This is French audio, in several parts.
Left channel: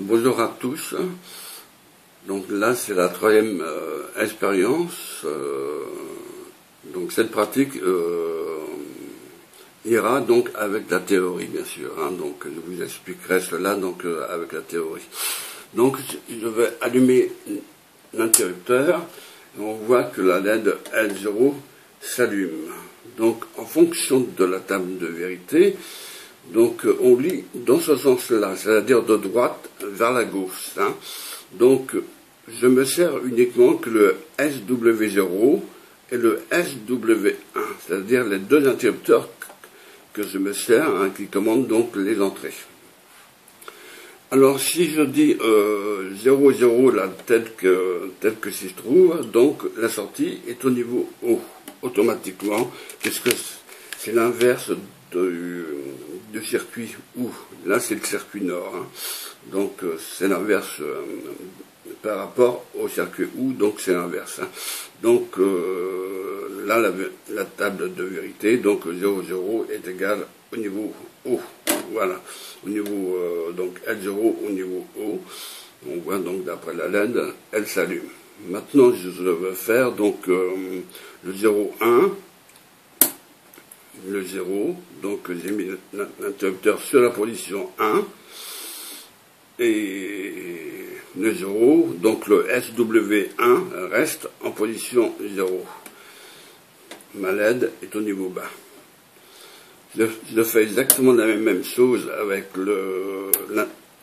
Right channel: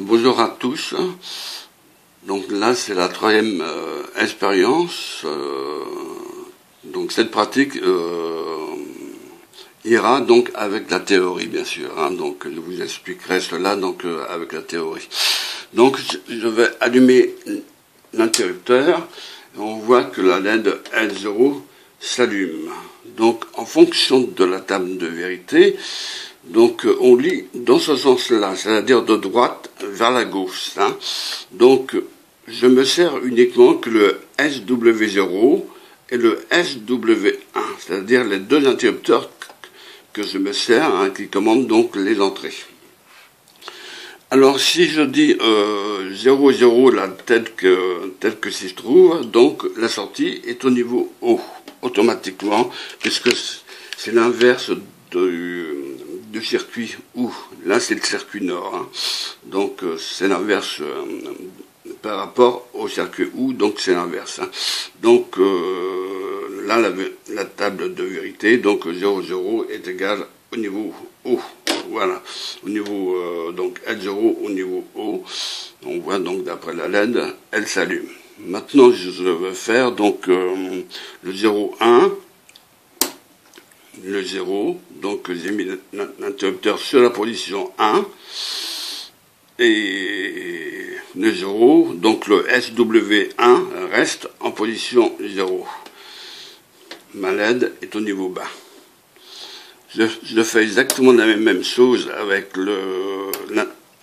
Bonjour à tous. Donc là, c'est la troisième expérience. Donc cette pratique ira donc avec la théorie, bien sûr. Donc je vous expliquerai cela donc avec la théorie. Donc je vais allumer l'interrupteur et on voit que la LED L0 s'allume. Donc en fonction de la table de vérité, donc on lit dans ce sens-là, c'est-à-dire de droite vers la gauche. Donc je me sers uniquement que le SW0 et le SW1, c'est-à-dire les deux interrupteurs que je me sers, qui commandent donc les entrées. Alors si je dis 0,0 là, tel que s'y trouve, donc la sortie est au niveau haut, automatiquement, puisque c'est l'inverse du circuit OU. Là c'est le circuit nord, donc c'est l'inverse par rapport au circuit OU, donc c'est l'inverse. Donc là la table de vérité, donc 0,0 est égal au niveau haut. Voilà, au niveau donc L0 au niveau haut, on voit donc d'après la LED, elle s'allume. Maintenant, je vais faire donc le 0,1, le 0, donc j'ai mis l'interrupteur sur la position 1, et le 0, donc le SW1 reste en position 0. Ma LED est au niveau bas. Je fais exactement la même chose avec le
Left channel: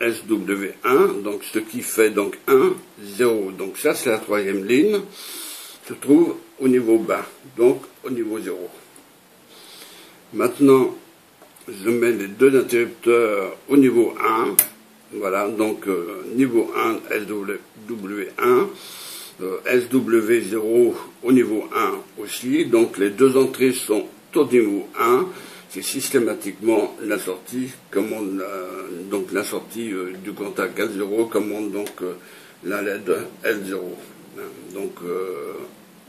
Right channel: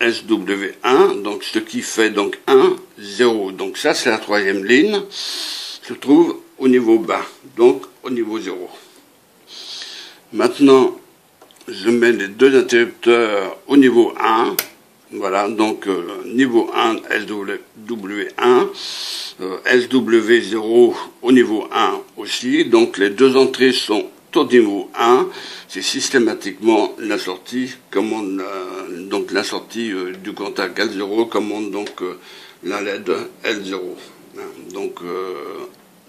SW1, donc ce qui fait donc 1, 0. Donc ça, c'est la troisième ligne, se trouve au niveau bas, donc au niveau 0. Maintenant, je mets les deux interrupteurs au niveau 1, voilà, donc niveau 1, SW1, SW0 au niveau 1 aussi, donc les deux entrées sont au niveau 1, c'est systématiquement la sortie, commande donc la sortie du contact L0 commande donc la LED L0. Donc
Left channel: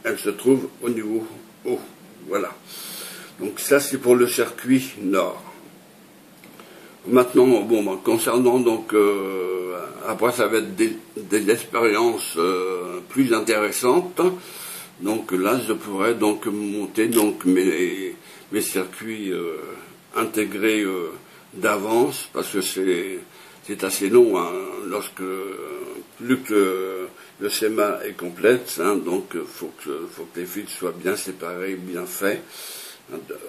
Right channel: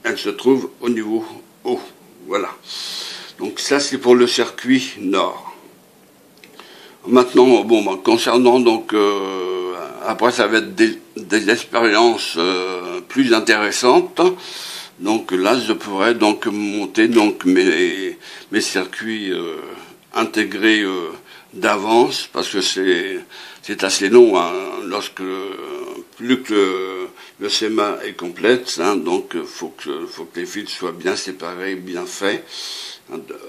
elle se trouve au niveau haut. Voilà. Donc ça c'est pour le circuit nord. Maintenant, bon, concernant donc après ça va être des expériences plus intéressantes. Donc là, je pourrais donc monter donc mes circuits intégrés d'avance, parce que c'est assez long, lorsque plus que le schéma est complète, donc faut que les fils soient bien séparés, bien faits,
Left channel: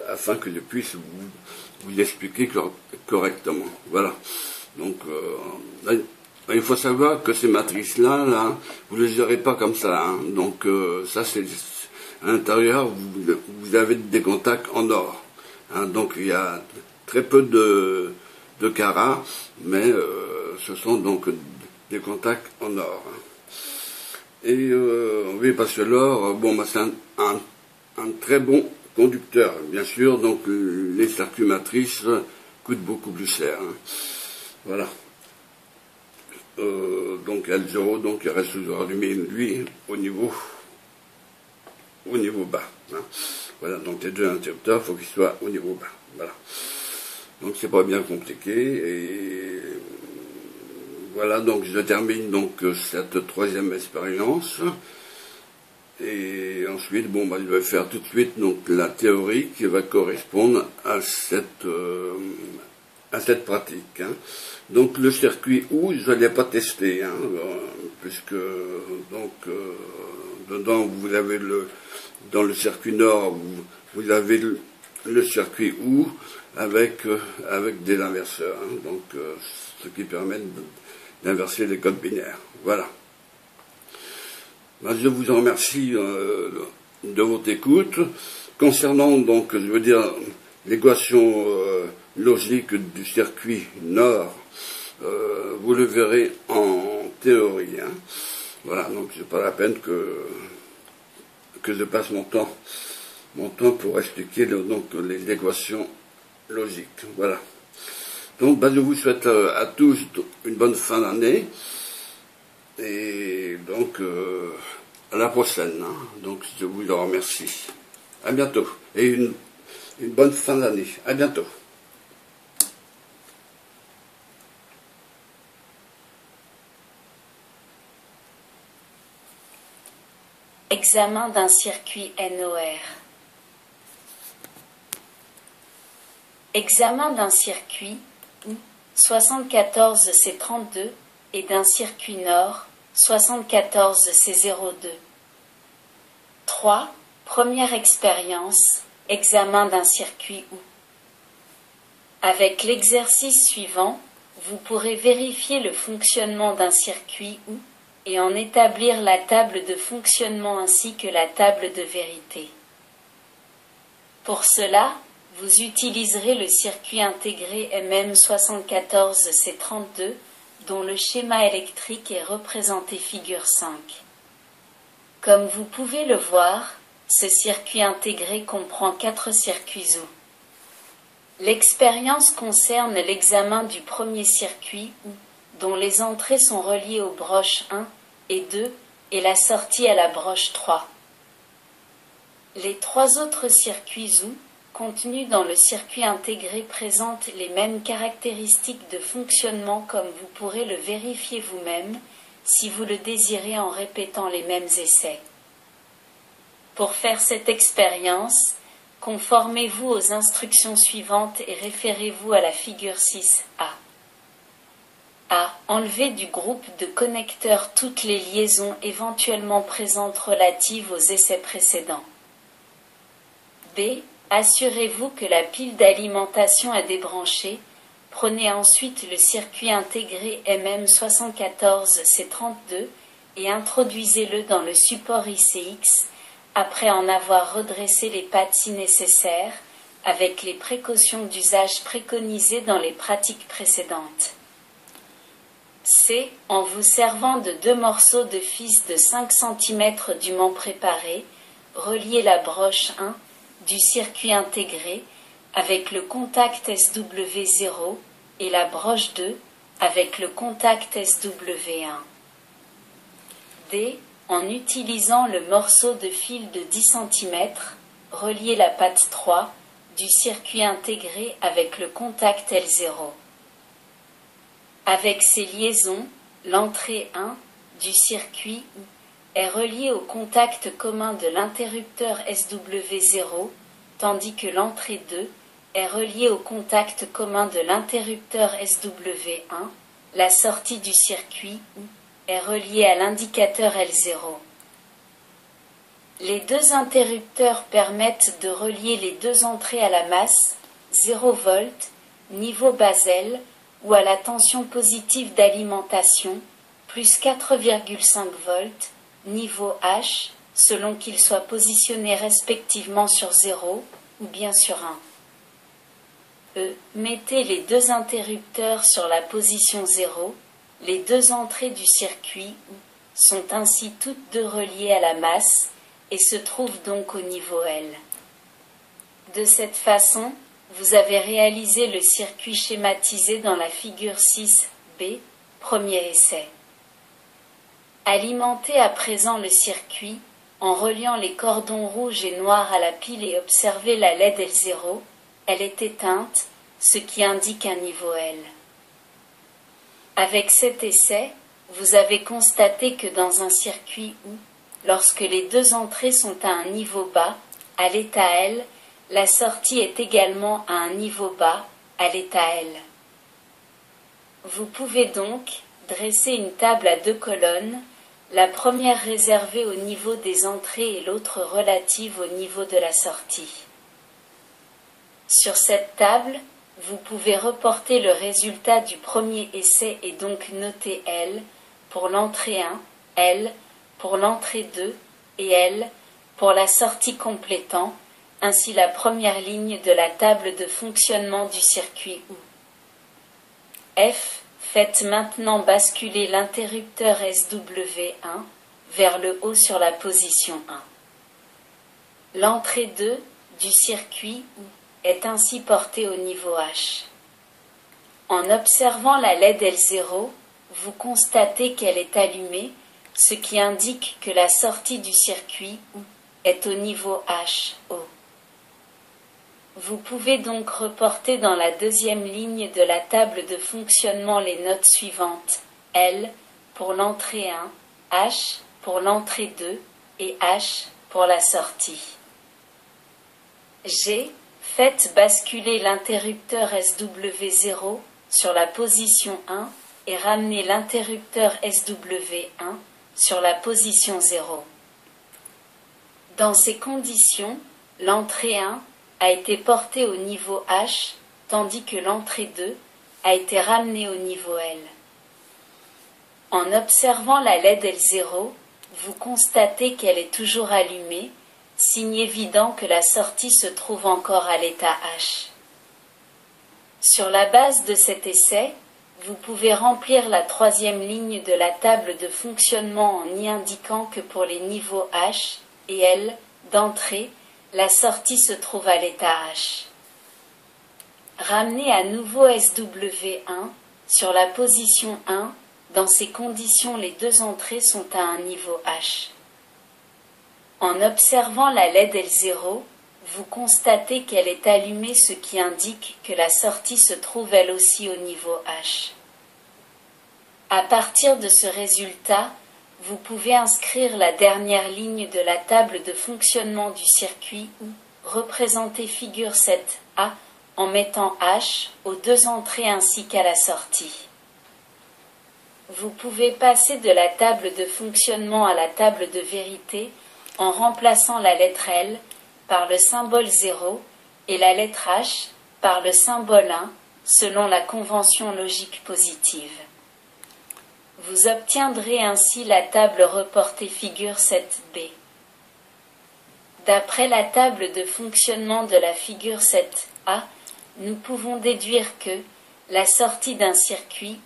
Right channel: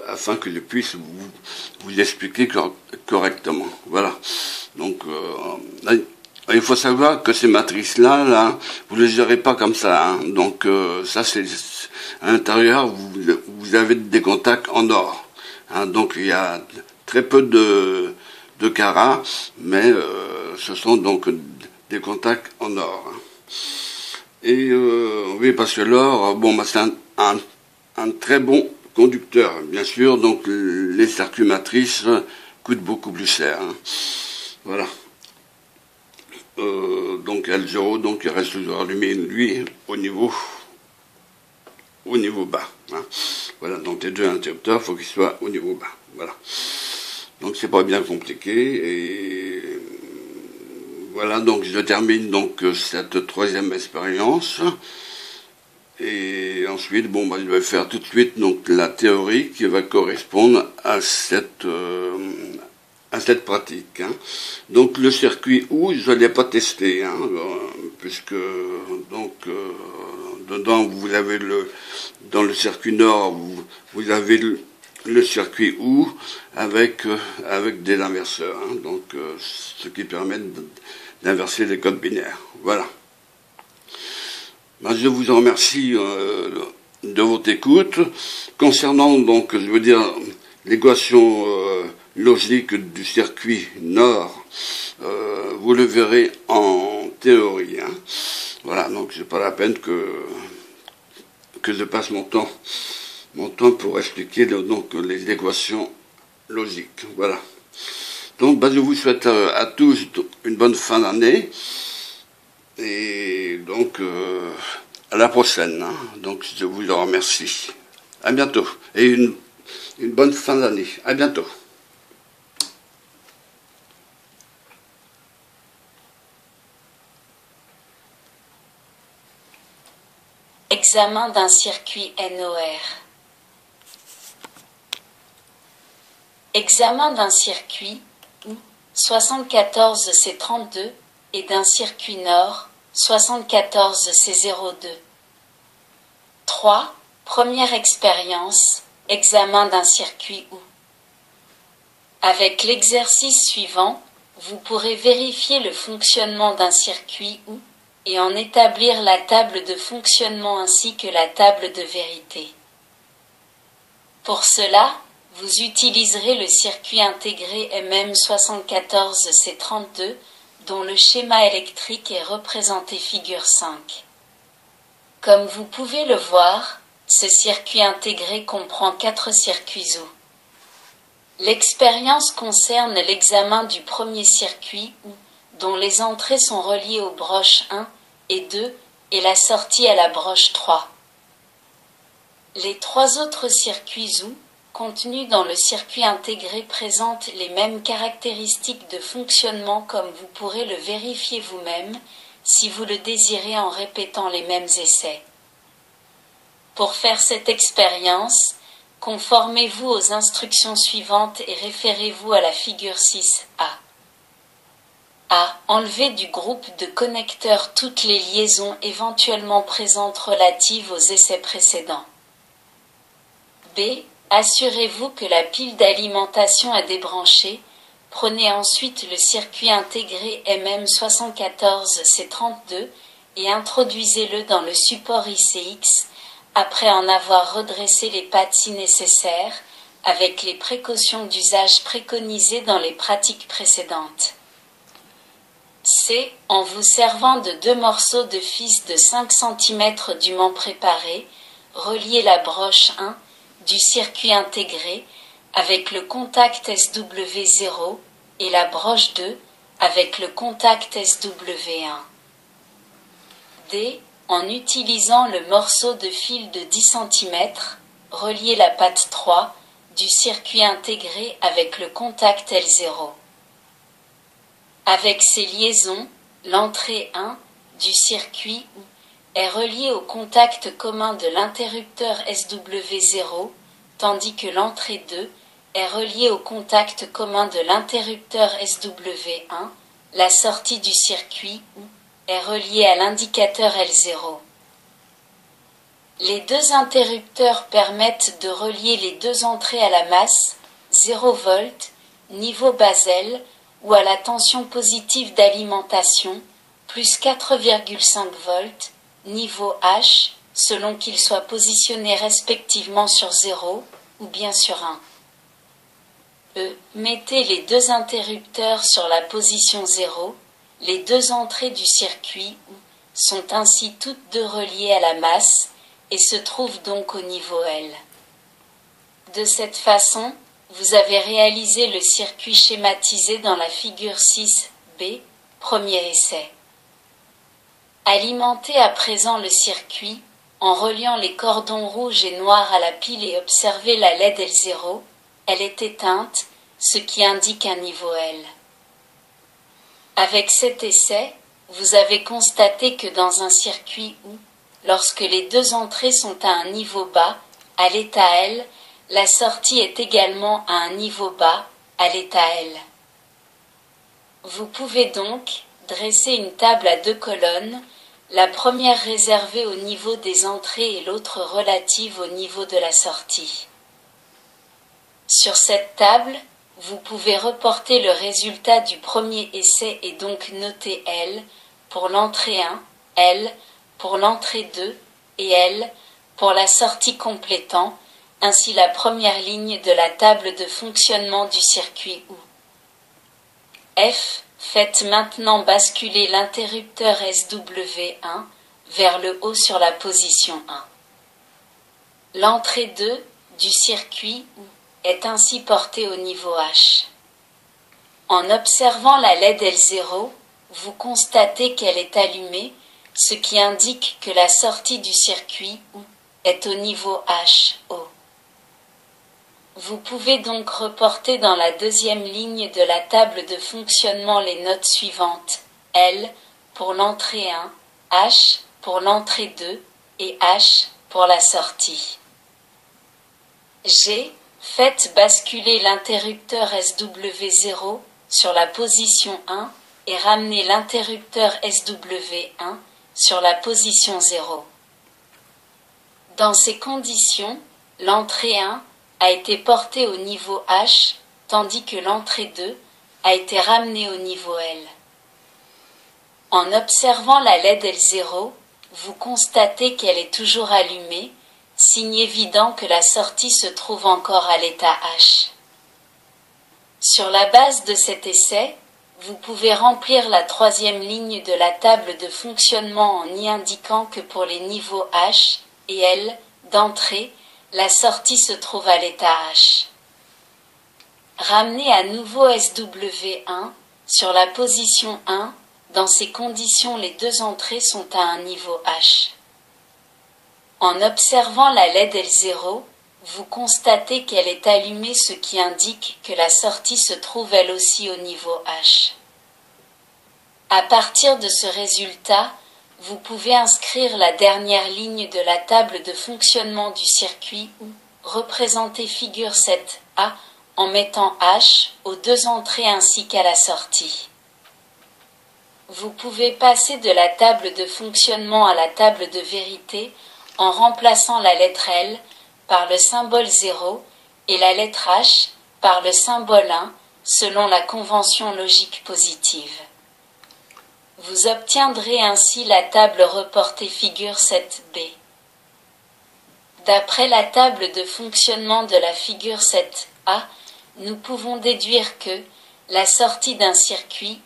afin que je puisse vous expliquer correctement. Voilà. Donc là, il faut savoir que ces matrices-là, vous ne les aurez pas comme ça. Donc ça, c'est à l'intérieur, vous avez des contacts en or. Donc il y a très peu de carats, mais ce sont donc des contacts en or. Et oui, parce que l'or, bon, c'est un très bon conducteur, bien sûr. Donc les circuits matrices coûtent beaucoup plus cher. Voilà. Donc L0, donc il reste toujours allumé, lui, au niveau bas. Voilà, donc les deux interrupteurs, il faut qu'ils soient au niveau bas. Voilà. Donc c'est pas bien compliqué. Et voilà, donc je termine donc cette troisième expérience. Et ensuite, bon, je vais faire tout de suite donc la théorie qui va correspondre à cette pratique. Donc le circuit OU, je ne l'ai pas testé, puisque donc dedans vous avez dans le circuit nord vous avez le circuit OU avec des inverseurs, donc ce qui permet d'inverser les codes binaires. Voilà. Je vous remercie de votre écoute. Concernant donc, je veux dire, l'équation logique du circuit nord, vous le verrez en théorie. Voilà, donc c'est pas la peine que je passe mon temps pour expliquer donc les équations logiques. Voilà. Donc je vous souhaite à tous une bonne fin d'année. Et donc à la prochaine. Donc je vous en remercie. À bientôt. Et une bonne fin d'année. À bientôt. Examen d'un circuit NOR. Examen d'un circuit 74C32 et d'un circuit nord 74C02. 3. Première expérience, examen d'un circuit OU. Avec l'exercice suivant, vous pourrez vérifier le fonctionnement d'un circuit OU et en établir la table de fonctionnement ainsi que la table de vérité. Pour cela, vous utiliserez le circuit intégré MM74C32 dont le schéma électrique est représenté figure 5. Comme vous pouvez le voir, ce circuit intégré comprend 4 circuits OU. L'expérience concerne l'examen du premier circuit OU, dont les entrées sont reliées aux broches 1 et 2 et la sortie à la broche 3. Les 3 autres circuits OU, contenus dans le circuit intégré, présentent les mêmes caractéristiques de fonctionnement comme vous pourrez le vérifier vous-même, si vous le désirez en répétant les mêmes essais. Pour faire cette expérience, conformez-vous aux instructions suivantes et référez-vous à la figure 6A. A. Enlevez du groupe de connecteurs toutes les liaisons éventuellement présentes relatives aux essais précédents. B. Assurez-vous que la pile d'alimentation est débranchée. Prenez ensuite le circuit intégré MM74C32 et introduisez-le dans le support ICX après en avoir redressé les pattes si nécessaire, avec les précautions d'usage préconisées dans les pratiques précédentes. C. En vous servant de 2 morceaux de fils de 5 cm dûment préparés, reliez la broche 1 du circuit intégré avec le contact SW0 et la broche 2 avec le contact SW1. D. En utilisant le morceau de fil de 10 cm, reliez la patte 3 du circuit intégré avec le contact L0. Avec ces liaisons, l'entrée 1 du circuit est reliée au contact commun de l'interrupteur SW0, tandis que l'entrée 2 est reliée au contact commun de l'interrupteur SW1, la sortie du circuit est reliée à l'indicateur L0. Les 2 interrupteurs permettent de relier les 2 entrées à la masse, 0 V, niveau Basel, ou à la tension positive d'alimentation, plus 4,5 V, niveau H, selon qu'ils soient positionnés respectivement sur 0 ou bien sur 1. E. Mettez les 2 interrupteurs sur la position 0. Les 2 entrées du circuit sont ainsi toutes 2 reliées à la masse et se trouvent donc au niveau L. De cette façon, vous avez réalisé le circuit schématisé dans la figure 6B, premier essai. Alimentez à présent le circuit en reliant les cordons rouges et noirs à la pile et observez la LED L0, elle est éteinte, ce qui indique un niveau L. Avec cet essai, vous avez constaté que dans un circuit où, lorsque les 2 entrées sont à un niveau bas, à l'état L, la sortie est également à un niveau bas, à l'état L. Vous pouvez donc dresser une table à 2 colonnes, la première réservée au niveau des entrées et l'autre relative au niveau de la sortie. Sur cette table, vous pouvez reporter le résultat du premier essai et donc noter L pour l'entrée 1, L pour l'entrée 2 et L pour la sortie complétant, ainsi la première ligne de la table de fonctionnement du circuit OU. F. Faites maintenant basculer l'interrupteur SW1 vers le haut sur la position 1. L'entrée 2 du circuit est ainsi portée au niveau H. En observant la LED L0, vous constatez qu'elle est allumée, ce qui indique que la sortie du circuit est au niveau HO. Vous pouvez donc reporter dans la deuxième ligne de la table de fonctionnement les notes suivantes, L pour l'entrée 1, H pour l'entrée 2 et H pour la sortie. G. Faites basculer l'interrupteur SW0 sur la position 1 et ramenez l'interrupteur SW1 sur la position 0. Dans ces conditions, l'entrée 1 a été portée au niveau H, tandis que l'entrée 2 a été ramenée au niveau L. En observant la LED L0, vous constatez qu'elle est toujours allumée, signe évident que la sortie se trouve encore à l'état H. Sur la base de cet essai, vous pouvez remplir la troisième ligne de la table de fonctionnement en y indiquant que pour les niveaux H et L d'entrée, la sortie se trouve à l'état H. Ramenez à nouveau SW1 sur la position 1. Dans ces conditions, les deux entrées sont à un niveau H. En observant la LED L0, vous constatez qu'elle est allumée, ce qui indique que la sortie se trouve elle aussi au niveau H. À partir de ce résultat, vous pouvez inscrire la dernière ligne de la table de fonctionnement du circuit ou représenter figure 7A en mettant H aux deux entrées ainsi qu'à la sortie. Vous pouvez passer de la table de fonctionnement à la table de vérité en remplaçant la lettre L par le symbole 0 et la lettre H par le symbole 1 selon la convention logique positive. Vous obtiendrez ainsi la table reportée figure 7b. D'après la table de fonctionnement de la figure 7a, nous pouvons déduire que la sortie d'un circuit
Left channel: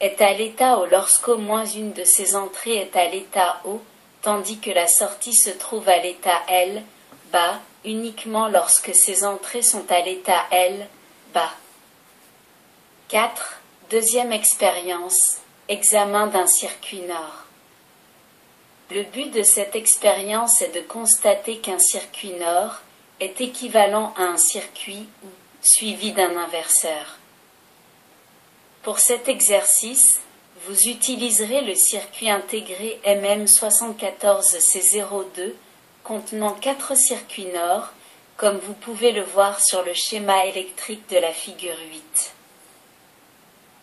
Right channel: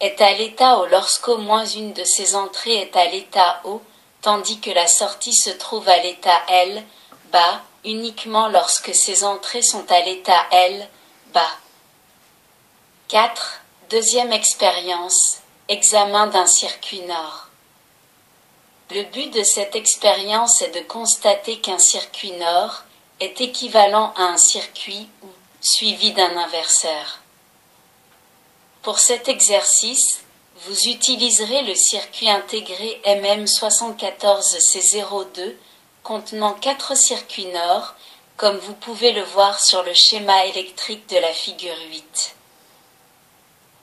est à l'état O lorsqu'au moins une de ses entrées est à l'état O, tandis que la sortie se trouve à l'état L, bas, uniquement lorsque ses entrées sont à l'état L, bas. 4. Deuxième expérience, examen d'un circuit nord. Le but de cette expérience est de constater qu'un circuit nord est équivalent à un circuit suivi d'un inverseur. Pour cet exercice, vous utiliserez le circuit intégré MM74C02 contenant 4 circuits nord, comme vous pouvez le voir sur le schéma électrique de la figure 8.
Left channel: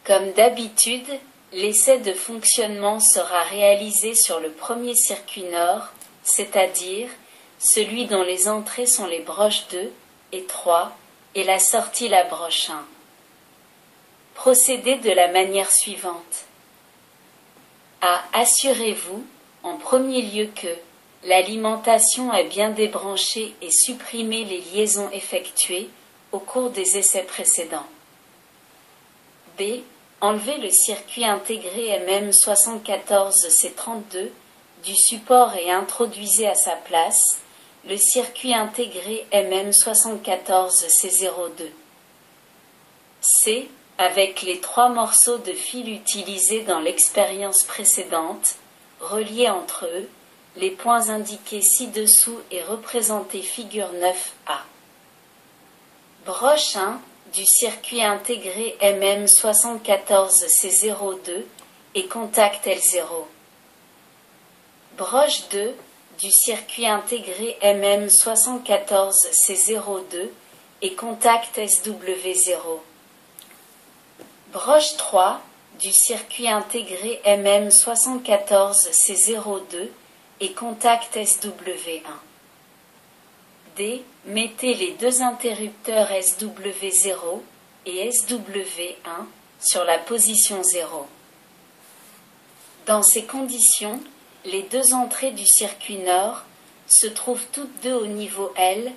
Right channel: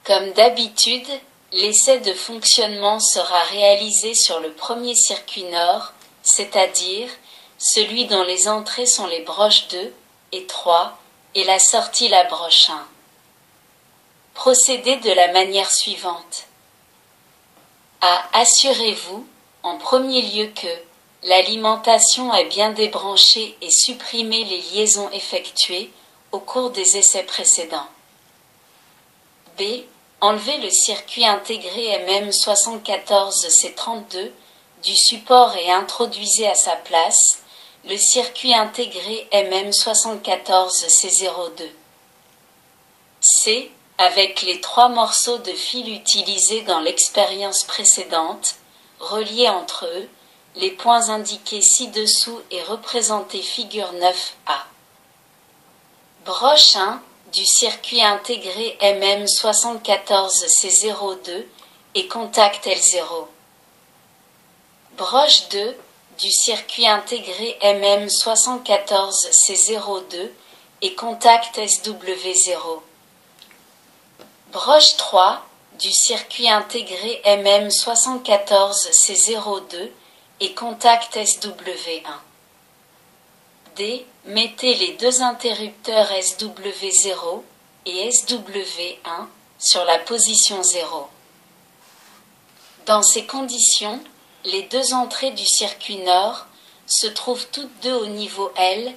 Comme d'habitude, l'essai de fonctionnement sera réalisé sur le premier circuit nord, c'est-à-dire celui dont les entrées sont les broches 2 et 3 et la sortie la broche 1. Procédez de la manière suivante. A. Assurez-vous, en premier lieu, que l'alimentation est bien débranchée et supprimez les liaisons effectuées au cours des essais précédents. B. Enlevez le circuit intégré MM74C32 du support et introduisez à sa place le circuit intégré MM74C02. C. Avec les 3 morceaux de fil utilisés dans l'expérience précédente, reliés entre eux, les points indiqués ci-dessous et représentés figure 9A. Broche 1 du circuit intégré MM74C02 et contact L0. Broche 2 du circuit intégré MM74C02 et contact SW0. Broche 3 du circuit intégré MM74C02 et contact SW1. D. Mettez les deux interrupteurs SW0 et SW1 sur la position 0. Dans ces conditions, les deux entrées du circuit nord se trouvent toutes deux au niveau L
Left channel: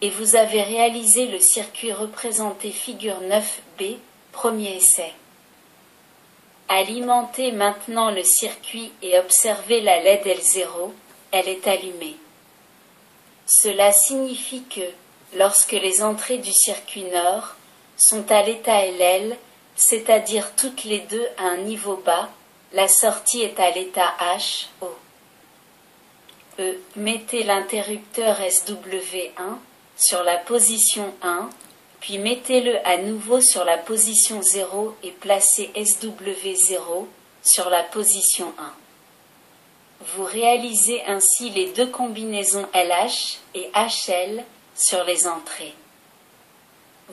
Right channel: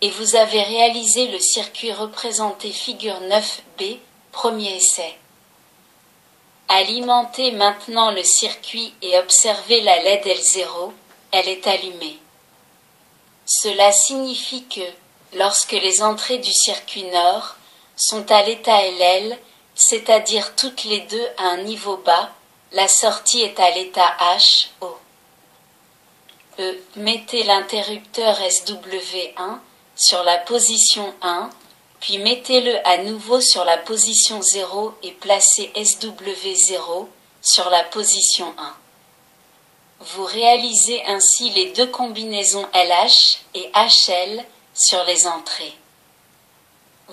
et vous avez réalisé le circuit représenté figure 9B, premier essai. Alimentez maintenant le circuit et observez la LED L0, elle est allumée. Cela signifie que, lorsque les entrées du circuit nord sont à l'état LL, c'est-à-dire toutes les deux à un niveau bas, la sortie est à l'état H, O. E. Mettez l'interrupteur SW1 sur la position 1, puis mettez-le à nouveau sur la position 0 et placez SW0 sur la position 1. Vous réalisez ainsi les deux combinaisons LH et HL sur les entrées.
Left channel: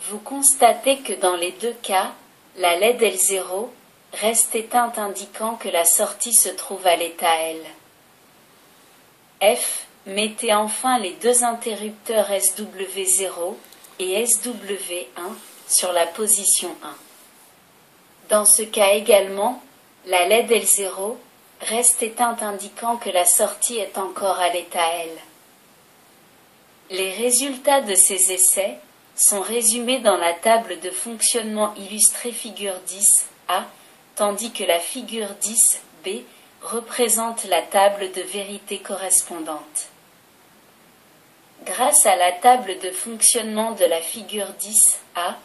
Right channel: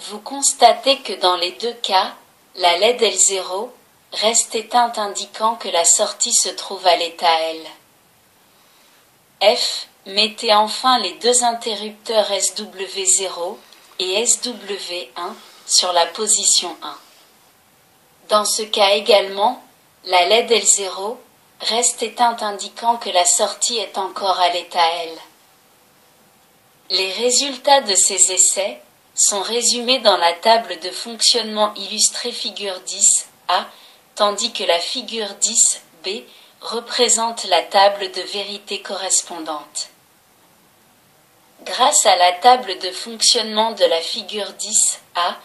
Vous constatez que dans les deux cas, la LED L0 reste éteinte indiquant que la sortie se trouve à l'état L. F. Mettez enfin les deux interrupteurs SW0 et SW1 sur la position 1. Dans ce cas également, la LED L0 reste éteinte indiquant que la sortie est encore à l'état L. Les résultats de ces essais sont résumés dans la table de fonctionnement illustrée figure 10A, tandis que la figure 10B représente la table de vérité correspondante. Grâce à la table de fonctionnement de la figure 10A,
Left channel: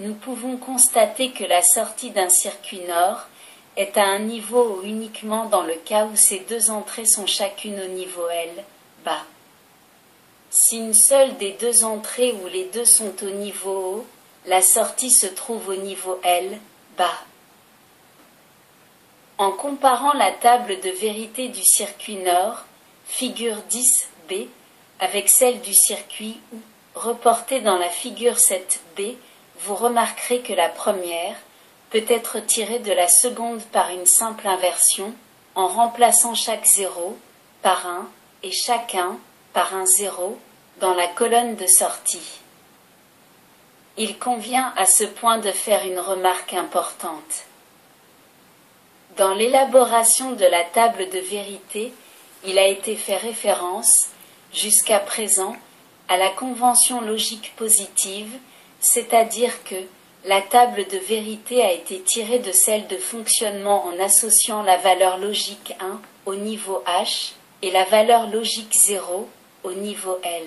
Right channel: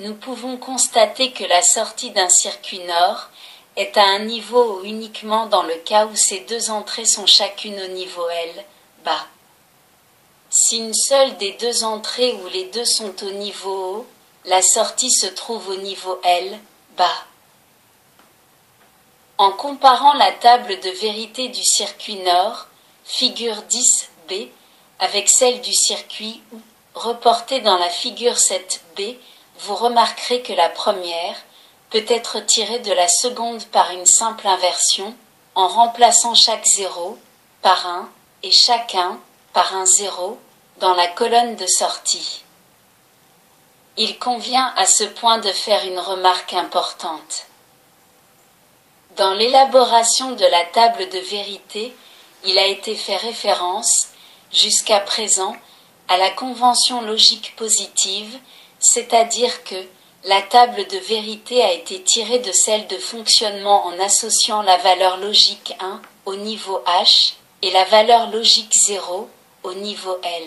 nous pouvons constater que la sortie d'un circuit NOR est à un niveau O uniquement dans le cas où ces deux entrées sont chacune au niveau L, bas. Si une seule des deux entrées ou les deux sont au niveau O, la sortie se trouve au niveau L, bas. En comparant la table de vérité du circuit NOR, figure 10B, avec celle du circuit OU, reportée dans la figure 7B, vous remarquerez que la première peut être tirée de la seconde par une simple inversion, en remplaçant chaque 0 par 1 et chaque 1 par un 0 dans la colonne de sortie. Il convient à ce point de faire une remarque importante. Dans l'élaboration de la table de vérité, il a été fait référence, jusqu'à présent, à la convention logique positive, c'est-à-dire que la table de vérité a été tirée de celle de fonctionnement en associant la valeur logique 1 au niveau H et la valeur logique 0 au niveau L.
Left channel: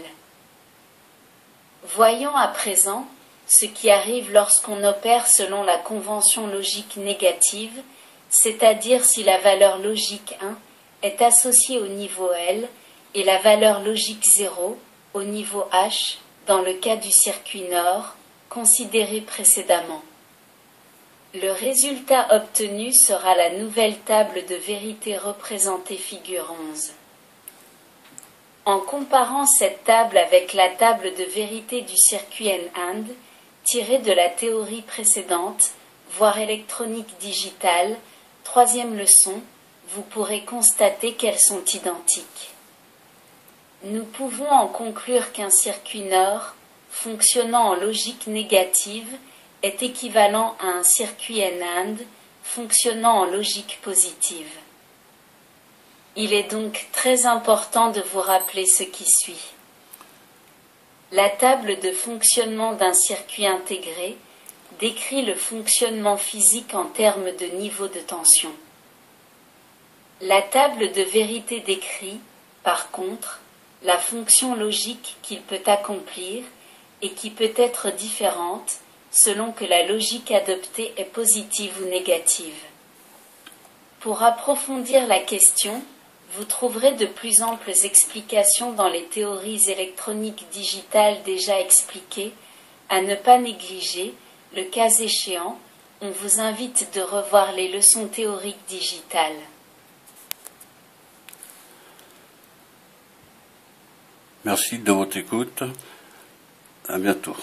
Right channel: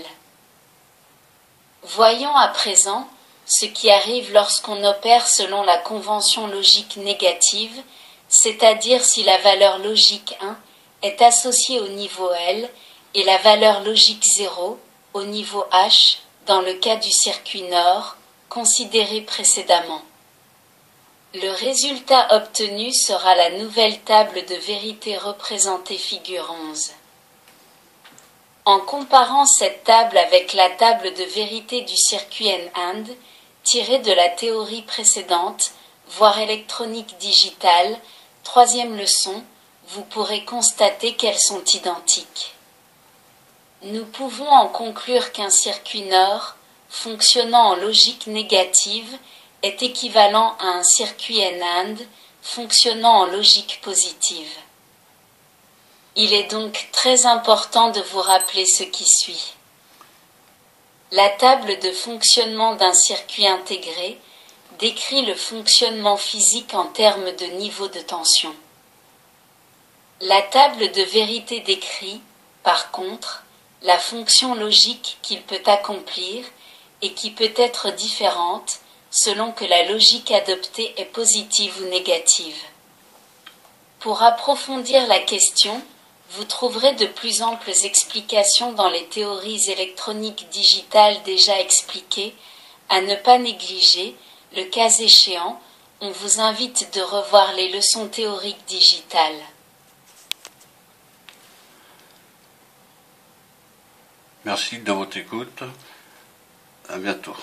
Voyons à présent ce qui arrive lorsqu'on opère selon la convention logique négative, c'est-à-dire si la valeur logique 1 est associée au niveau L et la valeur logique 0 au niveau H dans le cas du circuit NOR considéré précédemment. Le résultat obtenu sera la nouvelle table de vérité représentée figure 11. En comparant cette table avec la table de vérité du circuit N-AND, tirée de la théorie précédente, voire électronique digitale, troisième leçon, vous pourrez constater qu'elles sont identiques. Nous pouvons en conclure qu'un circuit NOR, fonctionnant en logique négative, est équivalent à un circuit N-AND, fonctionnant en logique positive. Il est donc très important de vous rappeler ce qui suit. La table de fonctionnement d'un circuit intégré décrit le fonctionnement physique en termes de niveau de tension. La table de vérité décrit, par contre, la fonction logique qu'il peut accomplir et qui peut être différente selon que la logique adoptée est positive ou négative. Pour approfondir la question, vous trouverez de plus amples explications dans les théories électroniques digitales déjà expliquées, à ne pas négliger, le cas échéant, on vous invite de revoir les leçons théoriques digitales. Merci de votre écoute. À bientôt.